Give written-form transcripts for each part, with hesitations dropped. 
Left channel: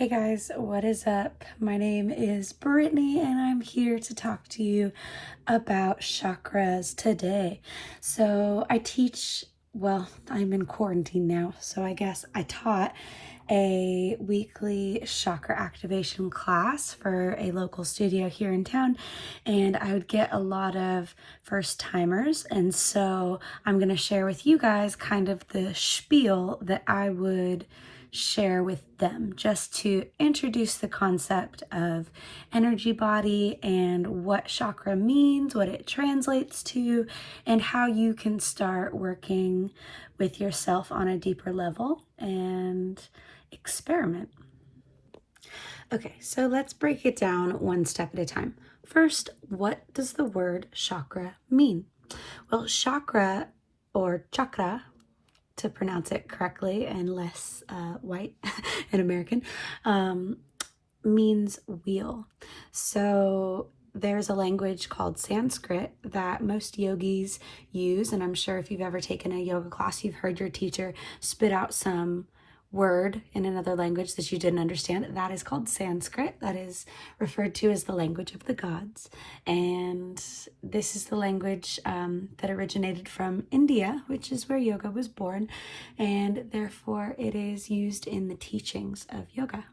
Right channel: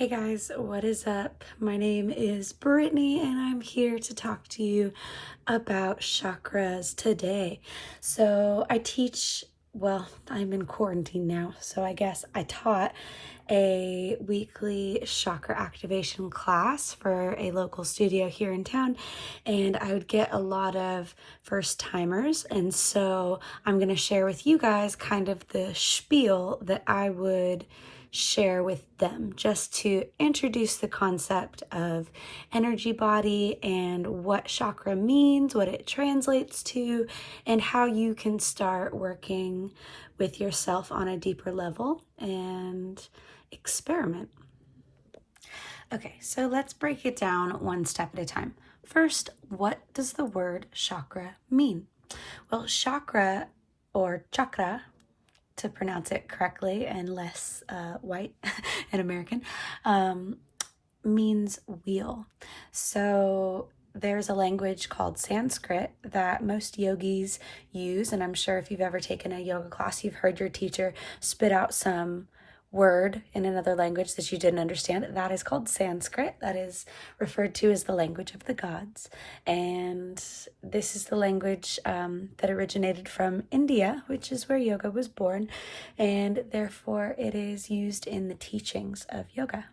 Hey guys, what is up? My name is Brittany and I'm here to talk to you about chakras today. So I teach, well, I'm in quarantine now, so I guess I taught a weekly chakra activation class for a local studio here in town, and I would get a lot of first timers, and so I'm going to share with you guys kind of the spiel that I would share with them just to introduce the concept of energy body and what chakra means, what it translates to, and how you can start working with yourself on a deeper level and experiment. Okay, so let's break it down one step at a time. First, what does the word chakra mean? Well, chakra or chakra, to pronounce it correctly and less white and American, means wheel. So there's a language called Sanskrit that most yogis use, and I'm sure if you've ever taken a yoga class, you've heard your teacher spit out some word in another language that you didn't understand. That is called Sanskrit. That is referred to as the language of the gods. And this is the language that originated from India, which is where yoga was born. And therefore it is used in the teachings of yoga.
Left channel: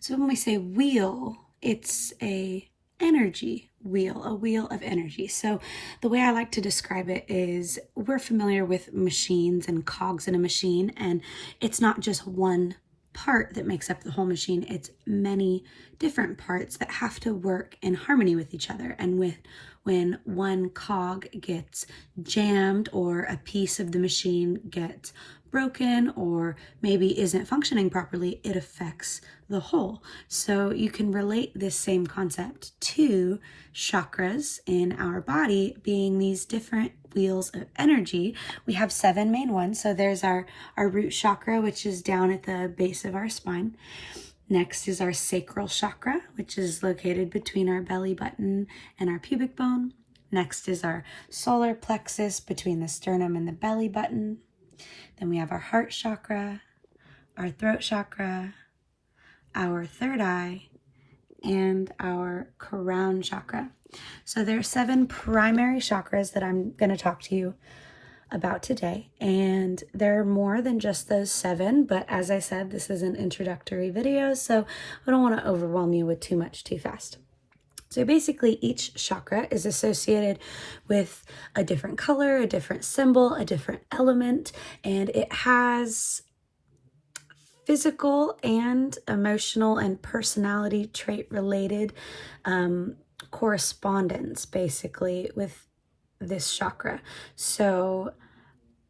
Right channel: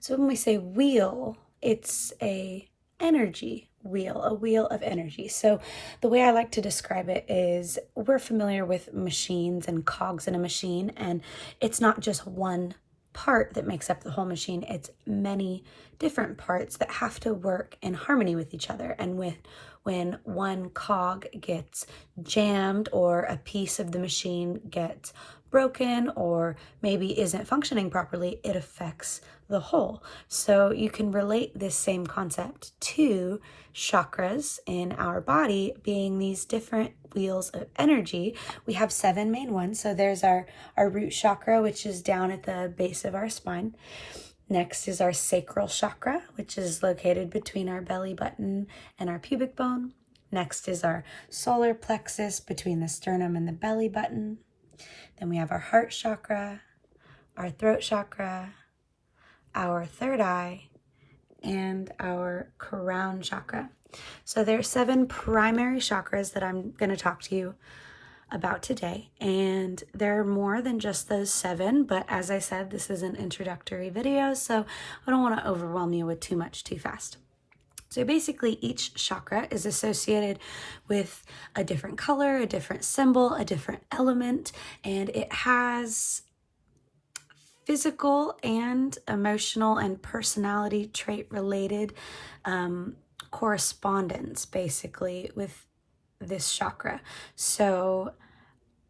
So when we say wheel, it's a energy wheel, a wheel of energy. So the way I like to describe it is we're familiar with machines and cogs in a machine, and it's not just one part that makes up the whole machine. It's many different parts that have to work in harmony with each other. And when one cog gets jammed or a piece of the machine gets broken or maybe isn't functioning properly, it affects the whole. So you can relate this same concept to chakras in our body being these different wheels of energy. We have 7 main ones. So there's our root chakra, which is down at the base of our spine. Next is our sacral chakra, which is located between our belly button and our pubic bone. Next is our solar plexus between the sternum and the belly button. Then we have our heart chakra, our throat chakra, our third eye, and our crown chakra. So there are 7 primary chakras that I'm going to talk to you about today, and there are more than just those 7, but as I said, this is an introductory video, so I don't want to overwhelm you with too much too fast. So basically each chakra is associated with a different color, a different symbol, a different element, and it has physical and emotional and personality trait related correspondence basically with this chakra. So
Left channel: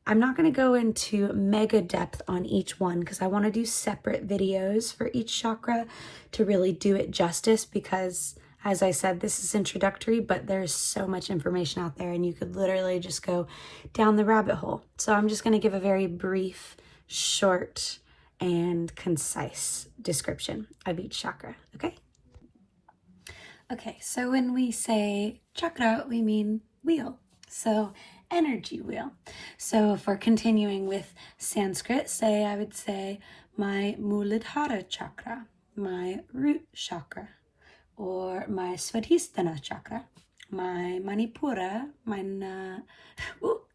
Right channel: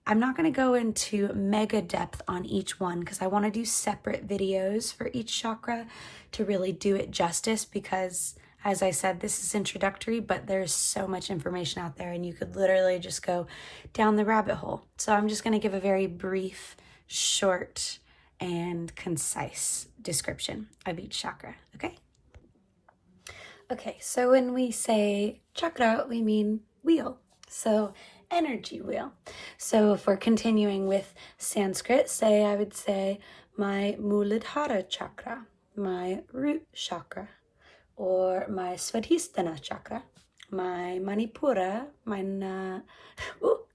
I'm not going to go into mega depth on each one because I want to do separate videos for each chakra to really do it justice, because as I said, this is introductory, but there's so much information out there and you could literally just go down the rabbit hole. So I'm just going to give a very brief, short, and concise description of each chakra, okay? Okay, so when we say chakra, we mean wheel. So energy wheel. So if we're continuing with Sanskrit, I would say my Muladhara chakra, my root chakra, or my Svadhisthana chakra, my Manipura,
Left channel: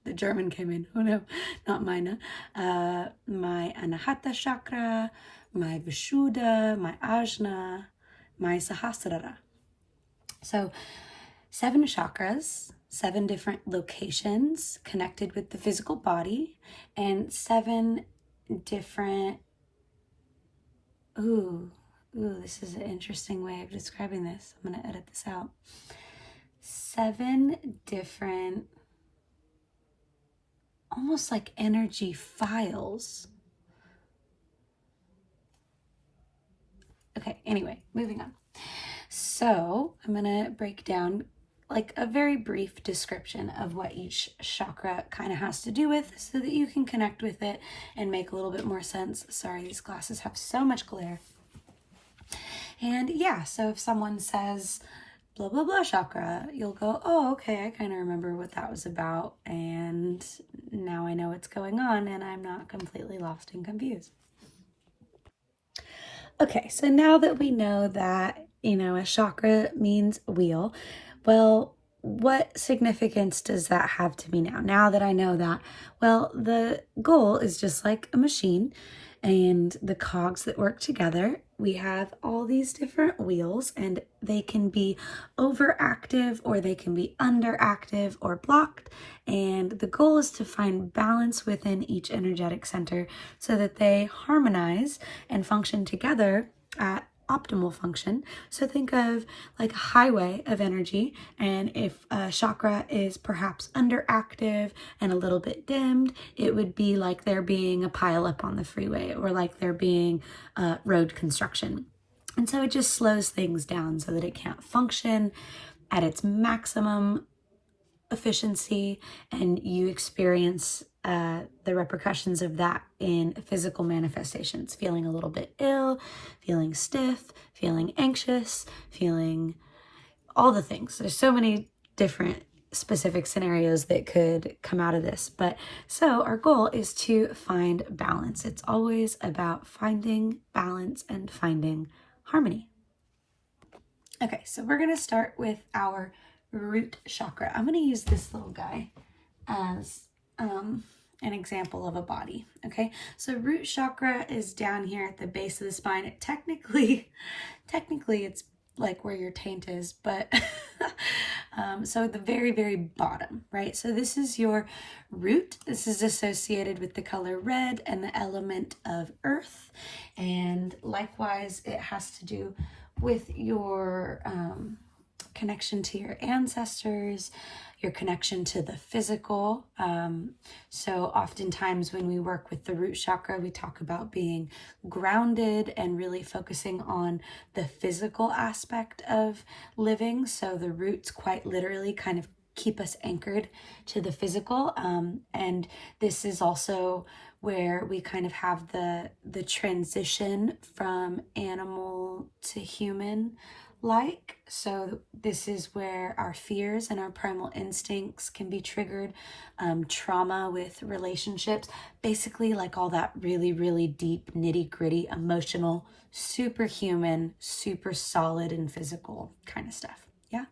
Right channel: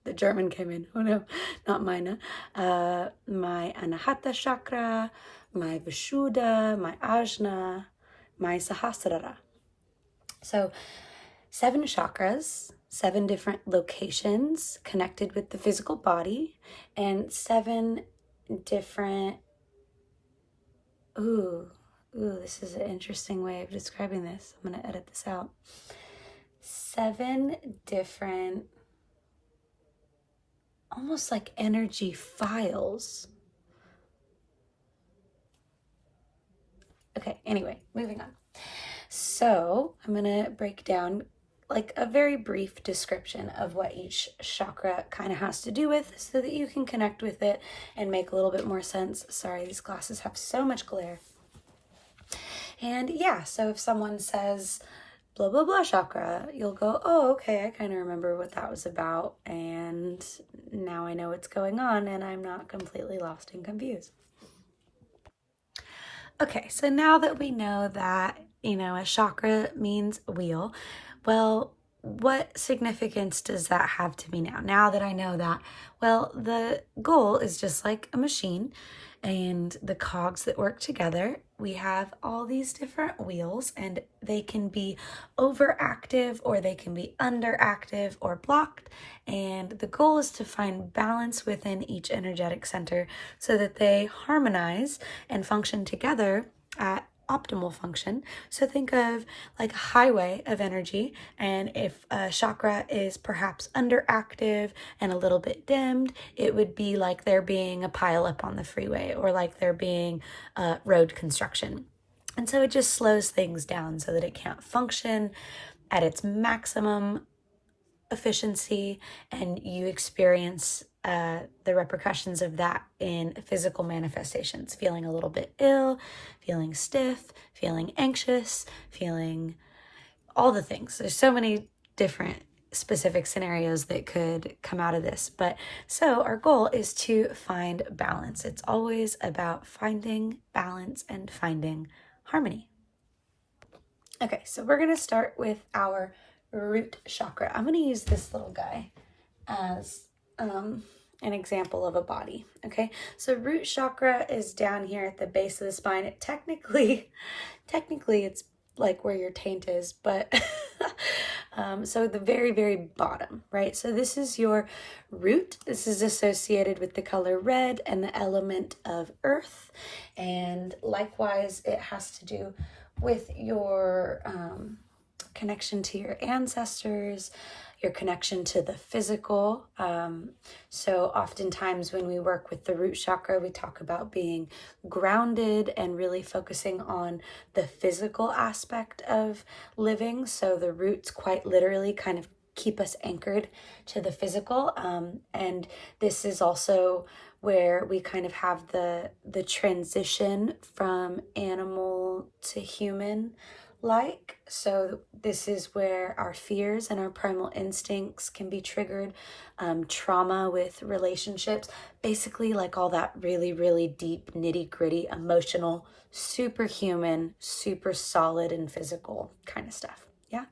the German came in, oh no, not mine, my Anahata chakra, my Vishuddha, my Ajna, my Sahasrara. So 7 chakras, 7 different locations connected with the physical body, and 7 different, this is an interesting way of describing this. I'm going to edit this out. 7 different, almost like energy files. Okay, anyway, moving on. So I'm going to break down like a very brief description of what each chakra kind of has to do with so that you can connect with it and make a little bit more sense. Sorry, these glasses have so much glare. And yeah, so if someone says blah, blah, blah chakra, you'll go, oh, okay, I kind of remember what that was about. And now I know what's going on and I'm not completely lost and confused. Okay, so now that we know that, a chakra means wheel, well, what significance does that have to me now? Now that I know that, well, the goal is just like a machine and the cogs that work together. We have all these different wheels and they can be overactive or they can be underactive or blocked. And the goal is to find balance within each energetic center so that they harmonize and function together at optimal function. So think of like a highway of energy, and if a chakra is perhaps underactive and a little bit dimmed, it would be like there being a pileup on the freeway or like there being road construction. And so it just slows things down so that it can't function at its maximum efficiency, and you experience the repercussions of that in physical manifestations, feeling a little bit ill, feeling stiff, feeling anxious, feeling all the things. There's so many different specific scenarios that could come out of this. But so our goal is to find balance. It's always about finding balance and finding harmony. Okay, so we're going to start with our root chakra. I'm going to use this little guy as an example of a body. Okay, so root chakra is down here at the base of the spine. Technically it's like where your taint is, but so the very, very bottom, right? So this is your root. This is associated with the color red and the element of earth. And likewise, it has to do with your connection to your ancestors, your connection to the physical. So oftentimes when we work with the root chakra, we talk about being grounded and really focusing on the physical aspect of living. So the roots quite literally kind of keep us anchored to the physical. And this is also where we kind of have the transition from animal to human like. So this is where our fears and our primal instincts can be triggered, trauma with relationships, basically like all that really, really deep, nitty gritty, emotional, superhuman, super solid and physical kind of stuff. Yeah.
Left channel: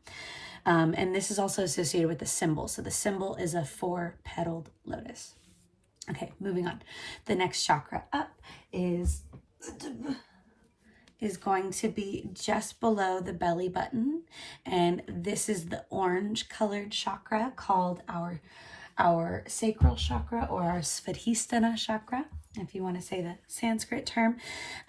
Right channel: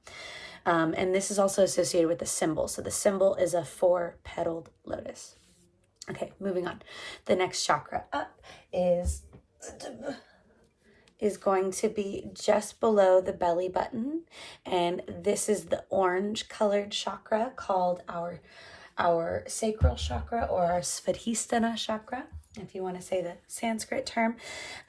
And this is also associated with the symbol. So the symbol is a 4-petaled lotus. Okay, moving on. The next chakra up is going to be just below the belly button, and this is the orange colored chakra called our sacral chakra, or our svadhisthana chakra, if you want to say the Sanskrit term.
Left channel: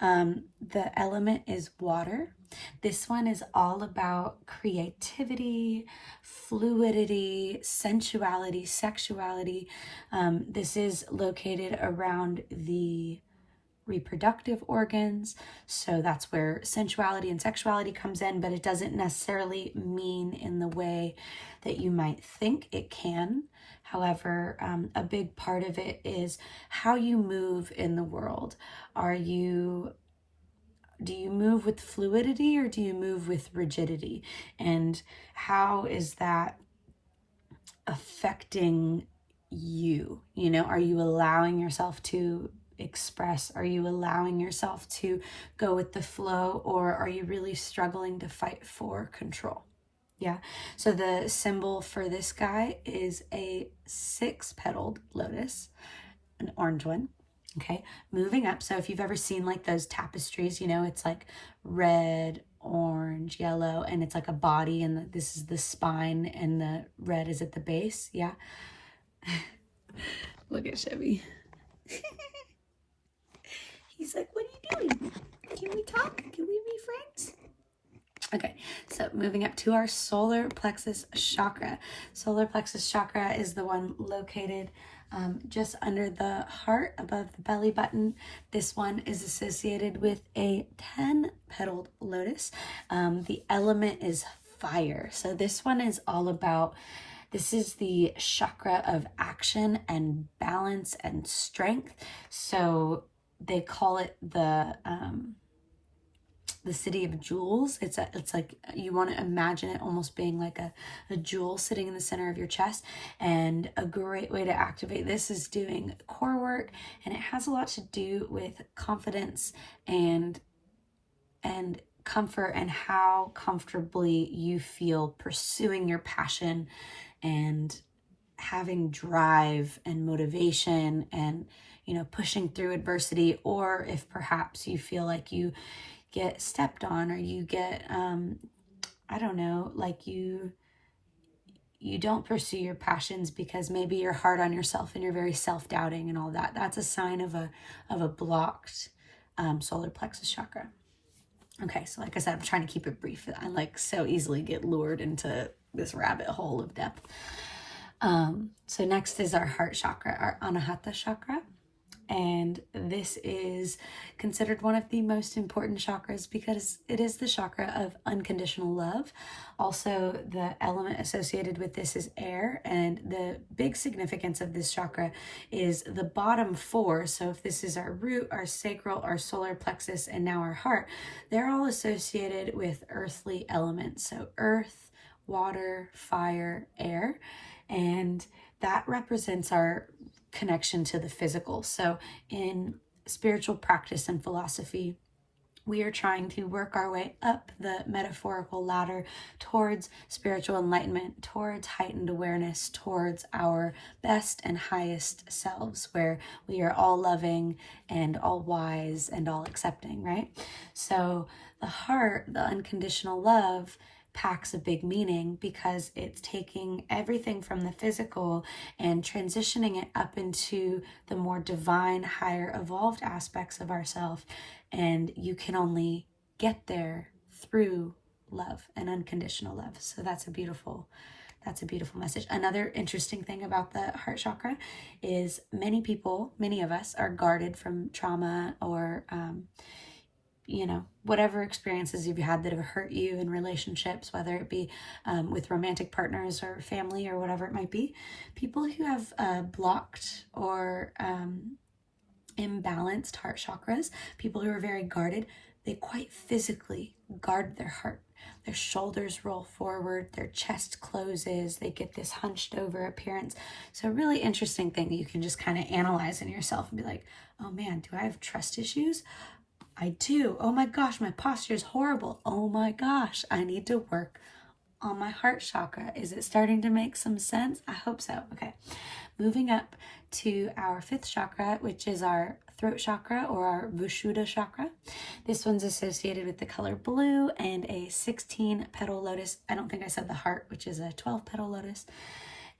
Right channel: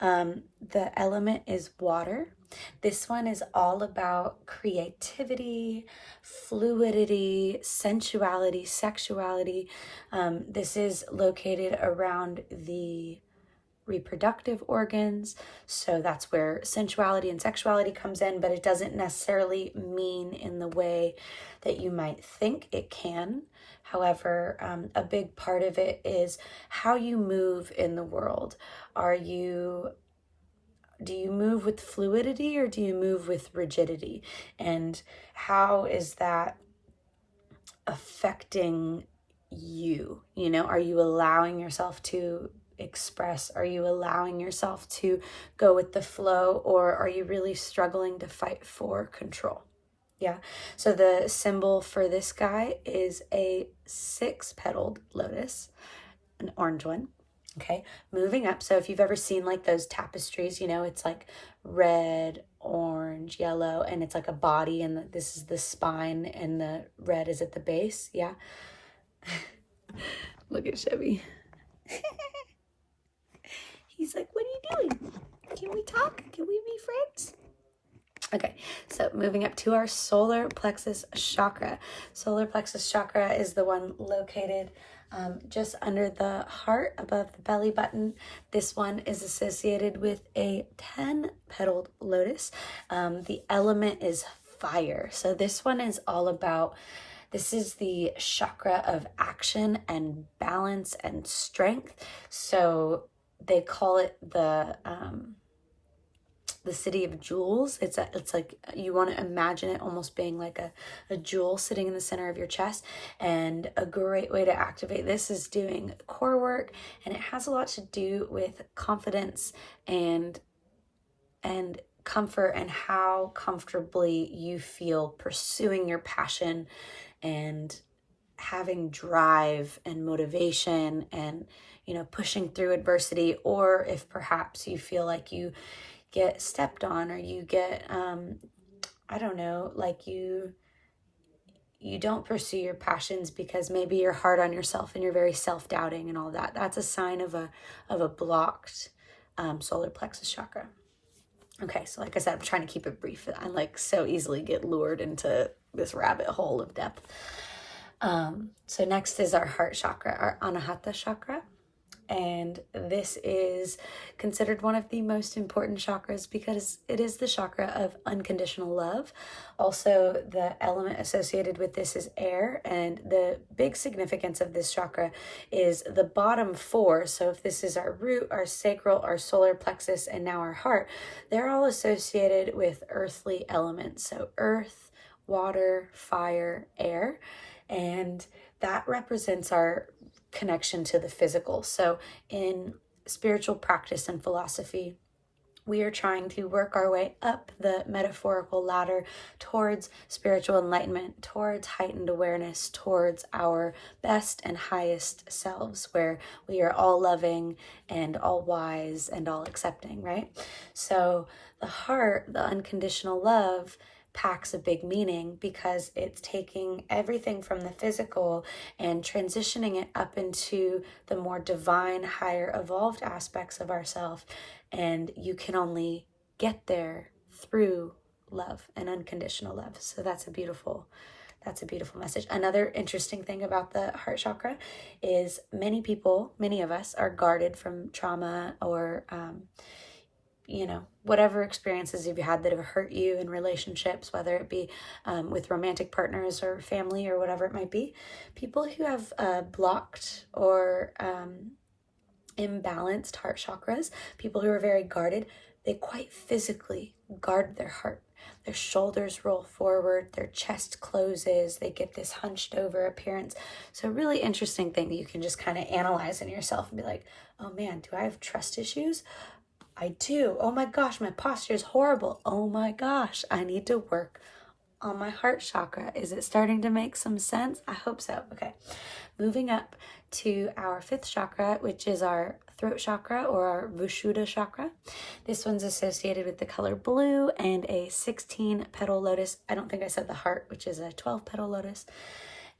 The element is water. This one is all about creativity, fluidity, sensuality, sexuality. This is located around the reproductive organs. So that's where sensuality and sexuality comes in, but it doesn't necessarily mean in the way that you might think it can. However, a big part of it is how you move in the world. Do you move with fluidity or do you move with rigidity? And how is that affecting you? Are you allowing yourself to express? Are you allowing yourself to go with the flow, or are you really struggling to fight for control? Yeah. So the symbol for this guy is a 6-petaled lotus, an orange one. Okay, moving up. So if you've ever seen like those tapestries, it's like red, orange, yellow, and it's like a body, and this is the spine, and the red is at the base. Yeah. Look at Chevy. He's like, what are you doing? Can we talk? Can we be friends? Okay, so moving up to our solar plexus chakra. Solar plexus chakra is the one located just under the heart, above the belly button. This one is associated with a 10-petaled lotus. The element is fire. So this one is all about, this is the chakra of action and balance and strength. So they call it the city of jewels. It's like, you want to imagine it almost being like a jewel sitting in the center of your chest. And a great way to activate this is doing core work, and it has a lot to do with confidence and and comfort and how comfortably you feel pursuing your passion and having drive and motivation and, pushing through adversity, or if perhaps you feel like you get stepped on, or you get, I don't know, like you don't pursue your passions because maybe you're hard on yourself and you're very self-doubting and all that. That's a sign of a blocked solar plexus chakra. Okay, so like I said, I'm trying to keep it brief. I like so easily get lured into this rabbit hole of depth. So next is our heart chakra, our Anahata chakra. And this is considered one of the most important chakras because it is the chakra of unconditional love. Also, the element associated with this is air, and the big significance of this chakra is the bottom four. So if this is our root, our sacral, our solar plexus, and now our heart, they're all associated with earthly elements. So earth, water, fire, air, and that represents our connection to the physical. So in spiritual practice and philosophy, we are trying to work our way up the metaphorical ladder towards spiritual enlightenment, towards heightened awareness, towards our best and highest selves, where we are all loving and all wise and all accepting, right? So the heart, the unconditional love, packs a big meaning because it's taking everything from the physical and transitioning it up into the more divine, higher evolved aspects of ourselves. And you can only get there through love and unconditional love. So that's a beautiful message. Another interesting thing about the heart chakra is many of us are guarded from trauma or whatever experiences you've had that have hurt you in relationships, whether it be with romantic partners or family or whatever it might be. People who have blocked or imbalanced heart chakras, people who are very guarded, they quite physically guard their heart. Their shoulders roll forward, their chest closes, they get this hunched over appearance. So a really interesting thing that you can just kind of analyze in yourself and be like, oh man, do I have trust issues? I do. Oh my gosh, my posture is horrible. Oh my gosh, I need to work on my heart chakra. Is it starting to make some sense? I hope so. Okay, moving up to our fifth chakra, which is our throat chakra or our Vishuddha chakra. This one's associated with the color blue and a 16-petal lotus. I don't think I said the heart, which is a 12-petal lotus.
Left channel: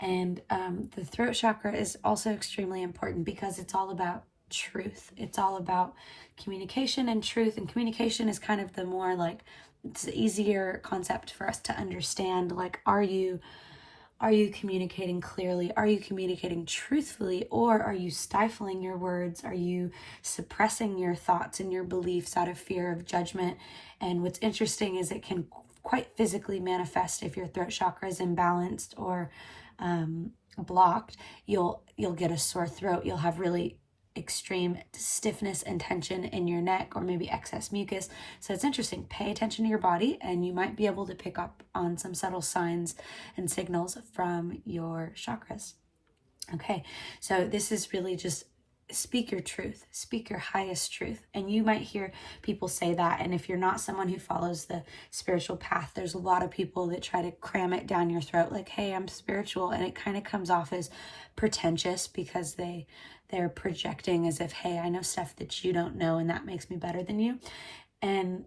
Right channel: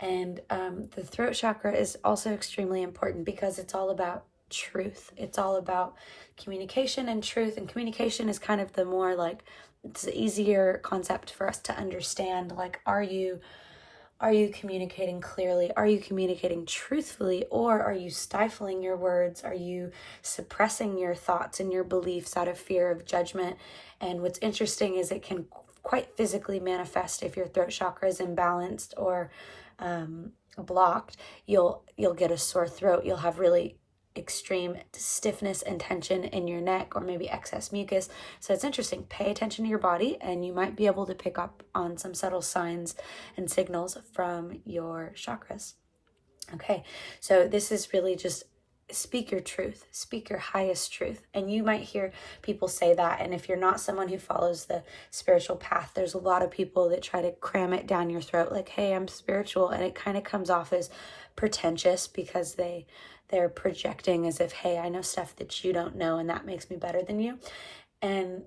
And the throat chakra is also extremely important because it's all about truth. It's all about communication and truth, and communication is kind of the more like, it's an easier concept for us to understand. Like, are you communicating clearly? Are you communicating truthfully? Or are you stifling your words? Are you suppressing your thoughts and your beliefs out of fear of judgment? And what's interesting is it can quite physically manifest if your throat chakra is imbalanced or blocked. You'll get a sore throat. You'll have really extreme stiffness and tension in your neck, or maybe excess mucus. So it's interesting. Pay attention to your body, and you might be able to pick up on some subtle signs and signals from your chakras. Okay, so this is really just speak your truth, speak your highest truth. And you might hear people say that, and if you're not someone who follows the spiritual path, there's a lot of people that try to cram it down your throat like, hey, I'm spiritual, and it kind of comes off as pretentious because they're projecting as if, hey, I know stuff that you don't know, and that makes me better than you. And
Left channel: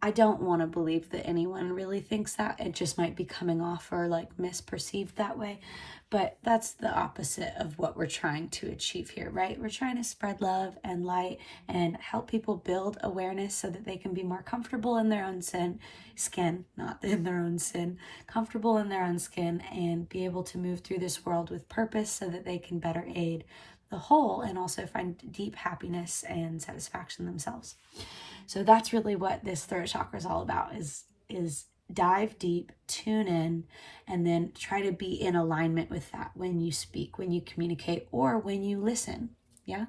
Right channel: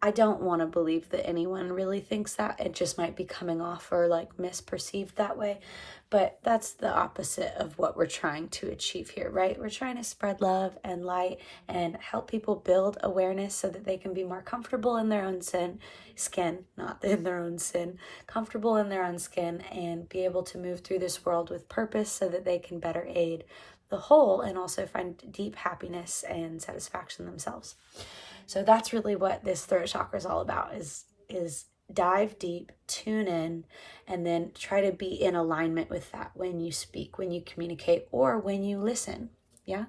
I don't want to believe that anyone really thinks that. It just might be coming off or like misperceived that way. But that's the opposite of what we're trying to achieve here, right? We're trying to spread love and light and help people build awareness so that they can be more comfortable in their own skin, not in their own sin, comfortable in their own skin, and be able to move through this world with purpose so that they can better aid the whole and also find deep happiness and satisfaction themselves. So that's really what this throat chakra is all about, is dive deep, tune in, and then try to be in alignment with that when you speak, when you communicate, or when you listen. Yeah?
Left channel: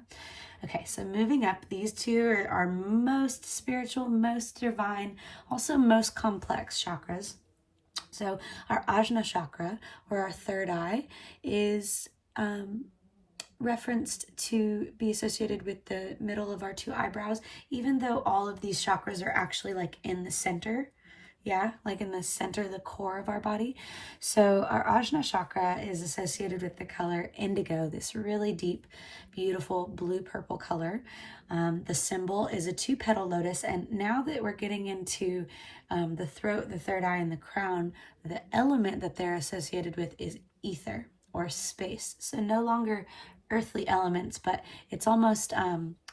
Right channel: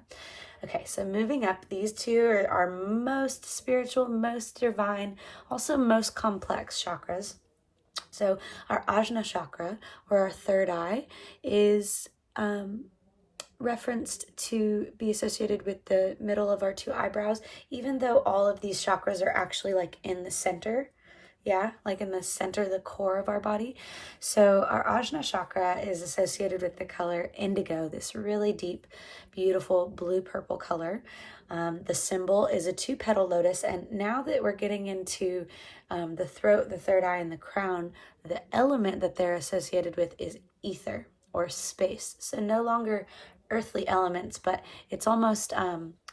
Okay, so moving up, these two are our most spiritual, most divine, also most complex chakras. So our Ajna chakra, or our third eye, is referenced to be associated with the middle of our two eyebrows, even though all of these chakras are actually like in the center. Yeah, like in the center, the core of our body. So our Ajna chakra is associated with the color indigo, this really deep, beautiful blue-purple color. The symbol is a 2-petal lotus. And now that we're getting into the throat, the third eye, and the crown, the element that they're associated with is ether or space. So no longer earthly elements, but it's almost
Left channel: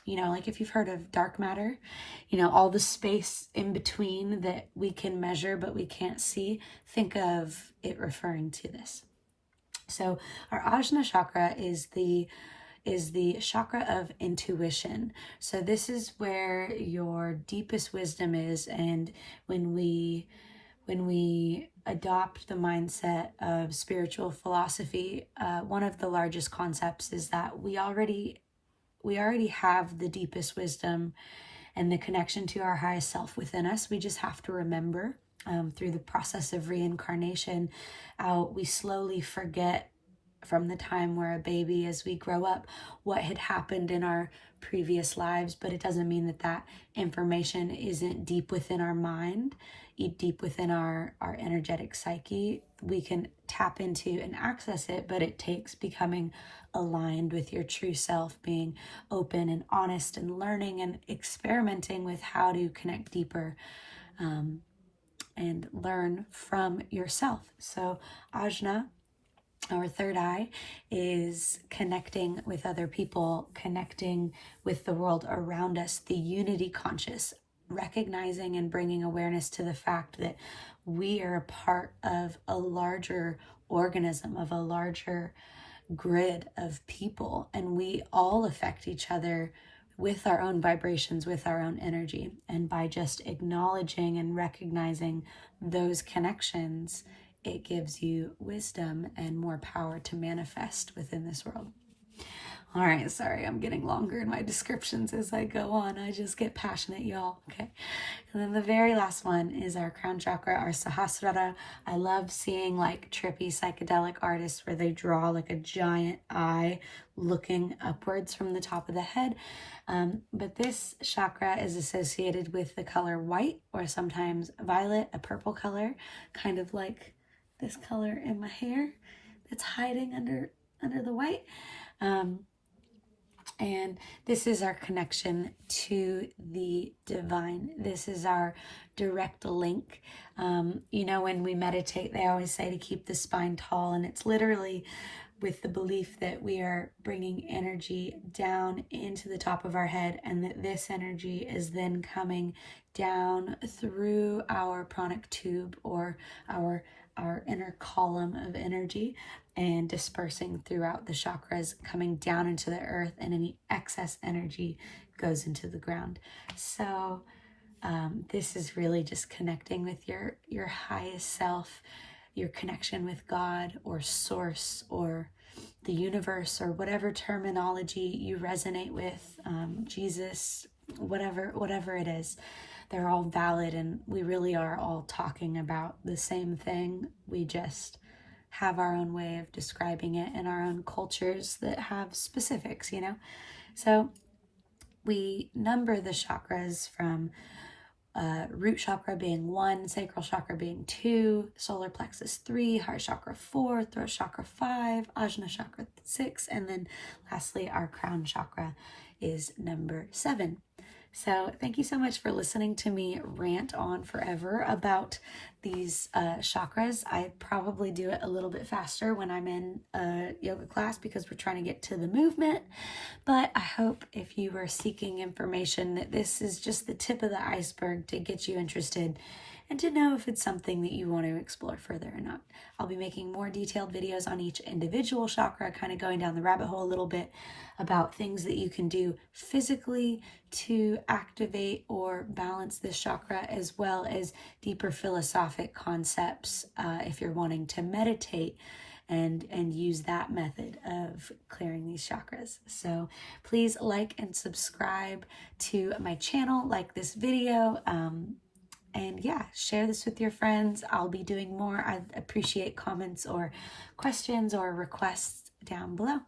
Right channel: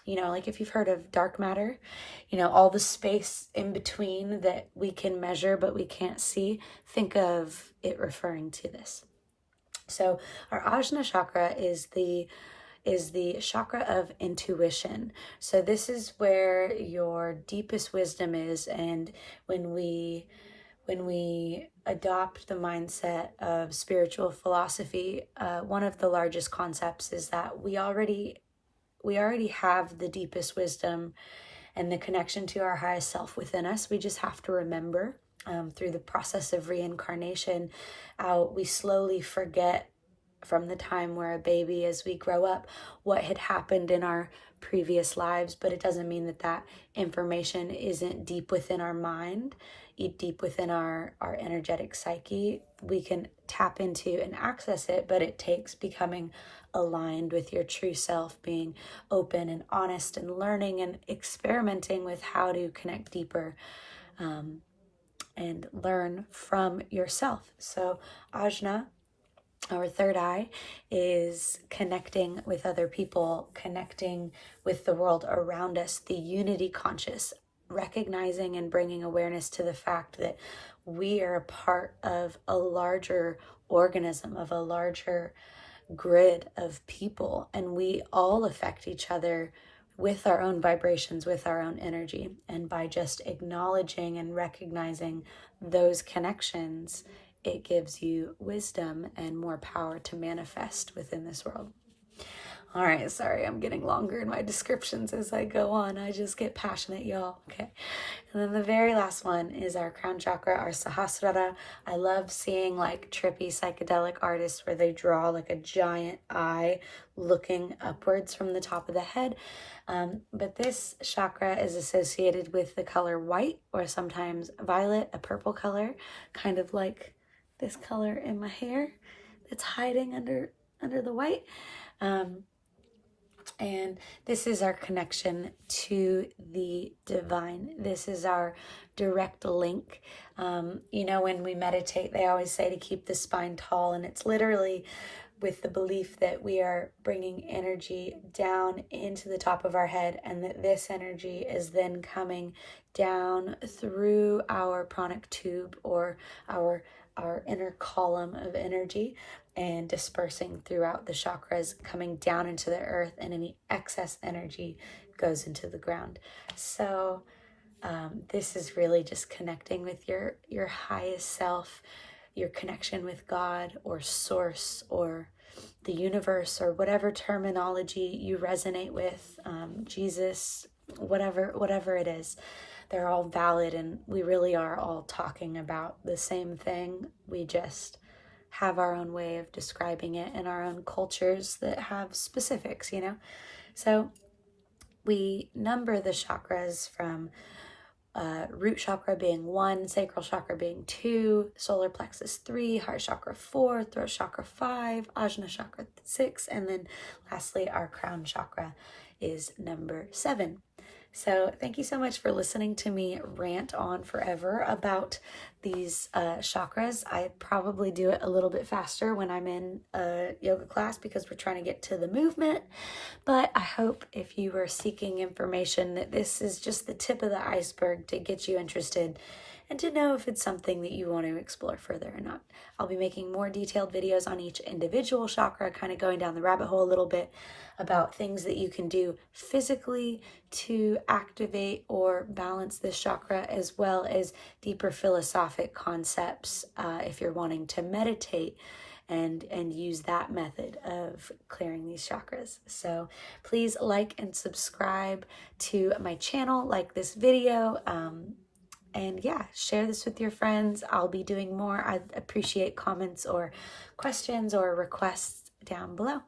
like if you've heard of dark matter, all the space in between that we can measure but we can't see, think of it referring to this. So our Ajna chakra is the chakra of intuition. So this is where your deepest wisdom is. And when we adopt the mindset of spiritual philosophy, one of the largest concepts is that we already have the deepest wisdom and the connection to our highest self within us. We just have to remember through the process of reincarnation, we slowly forget from the time we're a baby as we grow up what had happened in our previous lives, but it doesn't mean that information isn't deep within our mind, deep within our energetic psyche. We can tap into and access it, but it takes becoming aligned with your true self, being open and honest and learning and experimenting with how to connect deeper and learn from yourself. So Ajna, our third eye, is connecting with other people, connecting with the world around us, the unity conscious, recognizing and bringing awareness to the fact that we are a part of a larger organism, of a larger grid of people, and we all affect each other with our own vibrations, with our own energy. And by just acknowledging and recognizing those connections, it gives you wisdom and more power to manifest within this world. All right, sorry, I'm getting longer in my descriptions as I go on. I just get passionate, y'all. Okay. And then the very last one is our crown chakra, our Sahasrara. I love seeing like trippy psychedelic artists where they draw like a giant eye looking upwards from the top of the head. But this chakra is associated with the color white, or sometimes violet, a purple color, kind of like this color in my hair that's hiding under the white. And this is our connection to the divine. This is our direct link. When we meditate, they always say to keep the spine tall, and it's literally with the belief that we are bringing energy down into the top of our head, and that this energy is then coming down through our pranic tube, or our inner column of energy, and dispersing throughout the chakras, coming down into the earth, and any excess energy goes into the ground. So this is really just connecting with your highest self, your connection with God or source or the universe, or whatever terminology you resonate with, Jesus, whatever it is. They're all valid, and we really are all talking about the same thing. We just have our own way of describing it in our own cultures that have specifics, So we number the chakras from root chakra being 1, sacral chakra being 2, solar plexus 3, heart chakra 4, throat chakra 5, ajna chakra 6, and then lastly our crown chakra is number 7. So thank you so much for listening to me rant on forever about these chakras. I probably do it a little bit faster when I'm in a yoga class because we're trying to get to the movement. But I hope if you are seeking information that this is just the tip of the iceberg to get you interested and to know if it's something that you want to explore further or not. I'll be making more detailed videos on each individual chakra, kind of going down the rabbit hole a little bit about things that you can do physically to activate or balance this chakra, as well as deeper philosophic concepts if you're wanting to meditate and use that method of clearing these chakras. So please like and subscribe to my channel, like this video, and yeah, share this with your friends. I'll be doing more. I appreciate comments or questions or requests down below.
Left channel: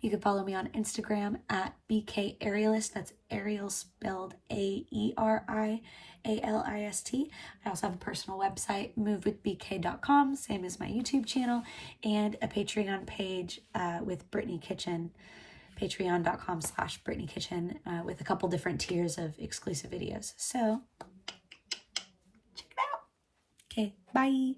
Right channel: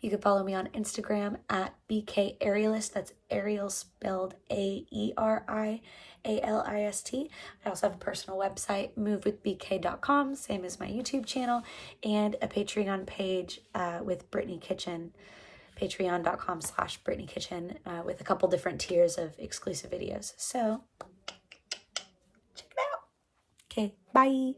You can follow me on Instagram at BK Aerialist. That's Ariel spelled AERIALIST. I also have a personal website, movewithbk.com, same as my YouTube channel, and a Patreon page with Brittany Kitchen, patreon.com/Brittany Kitchen, with a couple different tiers of exclusive videos. So check it out. Okay, bye.